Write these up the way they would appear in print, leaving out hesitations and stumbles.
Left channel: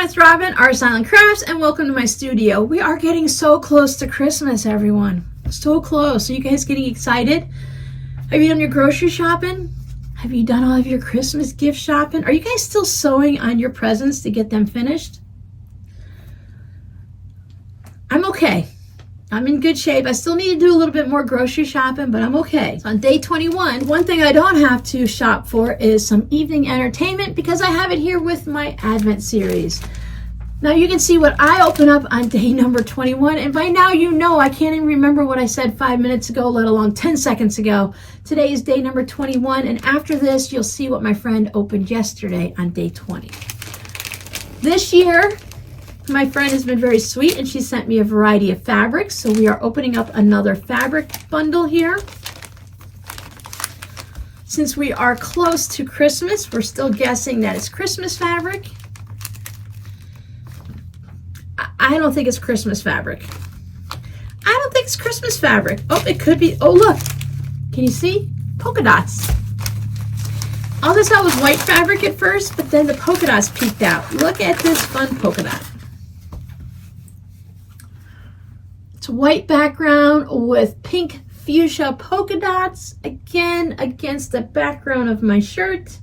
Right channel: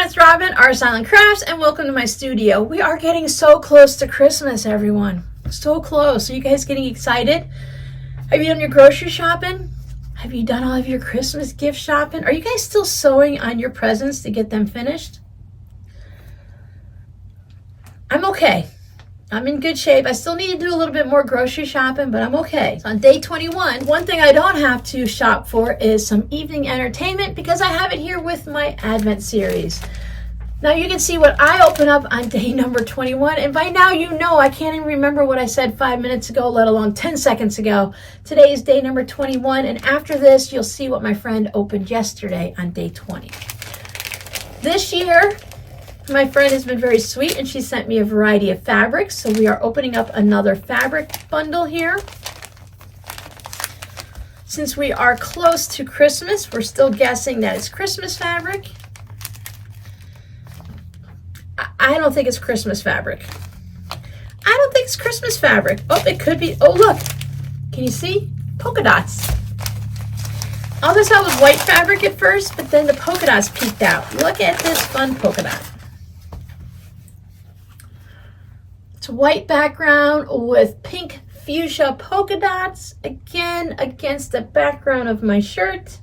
everyone, it's Robin, Art Silent Crafts, and welcome to my studio. We are getting so close to Christmas, everyone. So close. Are you guys getting excited? Have you done your grocery shopping? Have you done all of your Christmas gift shopping? Are you guys still sewing on your presents to get them finished? I'm okay. I'm in good shape. I still need to do a little bit more grocery shopping, but I'm okay. So on day 21, one thing I don't have to shop for is some evening entertainment because I have it here with my Advent series. Now you can see what I open up on day number 21, and by now you know I can't even remember what I said 5 minutes ago, let alone 10 seconds ago. Today is day number 21, and after this you'll see what my friend opened yesterday on day 20. This year, my friend has been very sweet and she sent me a variety of fabrics. So we are opening up another fabric bundle here. Since we are close to Christmas, we're still guessing that it's Christmas fabric. I don't think it's Christmas fabric. I don't think it's Christmas fabric. Oh, it could be. Oh, look. Can you see? Polka dots. All this out was white fabric at first, but then the polka dots peeked out. Look at this fun polka dot. It's a white background with pink fuchsia polka dots, again against the background of my shirt.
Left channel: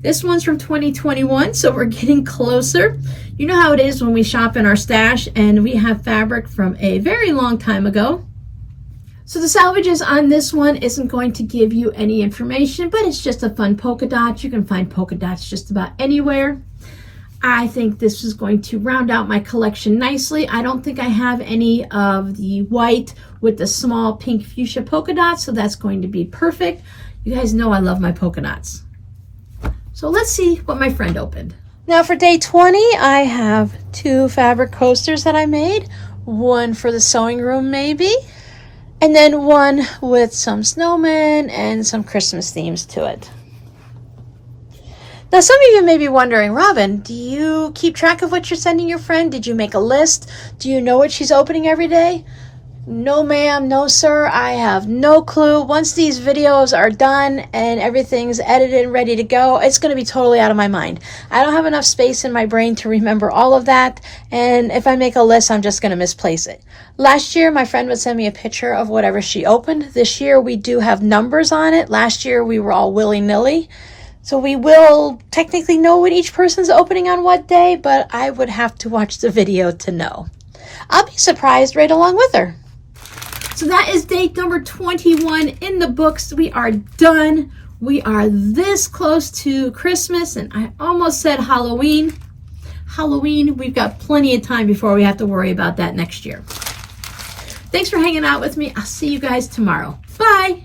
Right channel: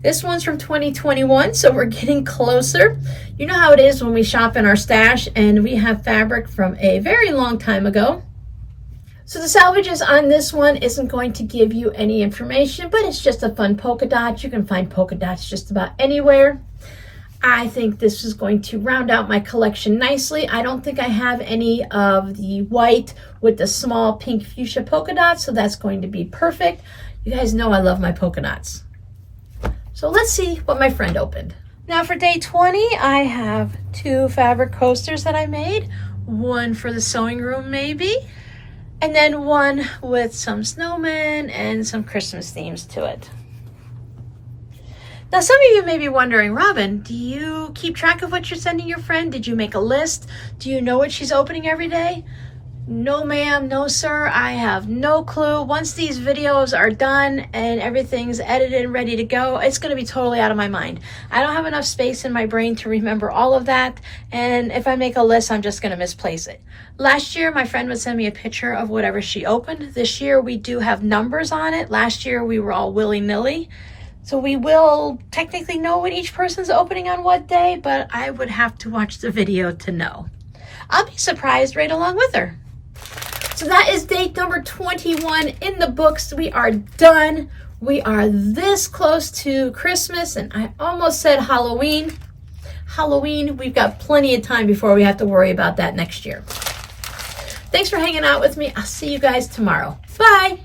This one's from 2021, so we're getting closer. You know how it is when we shop in our stash and we have fabric from a very long time ago. So the salvages on this one isn't going to give you any information, but it's just a fun polka dot. You can find polka dots just about anywhere. I think this is going to round out my collection nicely. I don't think I have any of the white with the small pink fuchsia polka dots, so that's going to be perfect. You guys know I love my polka dots. So let's see what my friend opened. Now for day 20, I have two fabric coasters that I made. One for the sewing room maybe, and then one with some snowmen and some Christmas themes to it. Now, some of you may be wondering, Robin, do you keep track of what you're sending your friend? Did you make a list? Do you know what she's opening every day? No, ma'am. No, sir. I have no clue. Once these videos are done and everything's edited and ready to go, it's going to be totally out of my mind. I don't have enough space in my brain to remember all of that. And if I make a list, I'm just going to misplace it. Last year, my friend would send me a picture of whatever she opened. This year, we do have numbers on it. Last year, we were all willy-nilly. So we will technically know what each person's opening on what day, but I would have to watch the video to know. I'll be surprised right along with her. So that is date number 21 in the books. We are done. We are this close to Christmas, and I almost said Halloween. Halloween, we've got plenty of time before we have to worry about that next year. Thanks for hanging out with me. I'll see you guys tomorrow. Bye.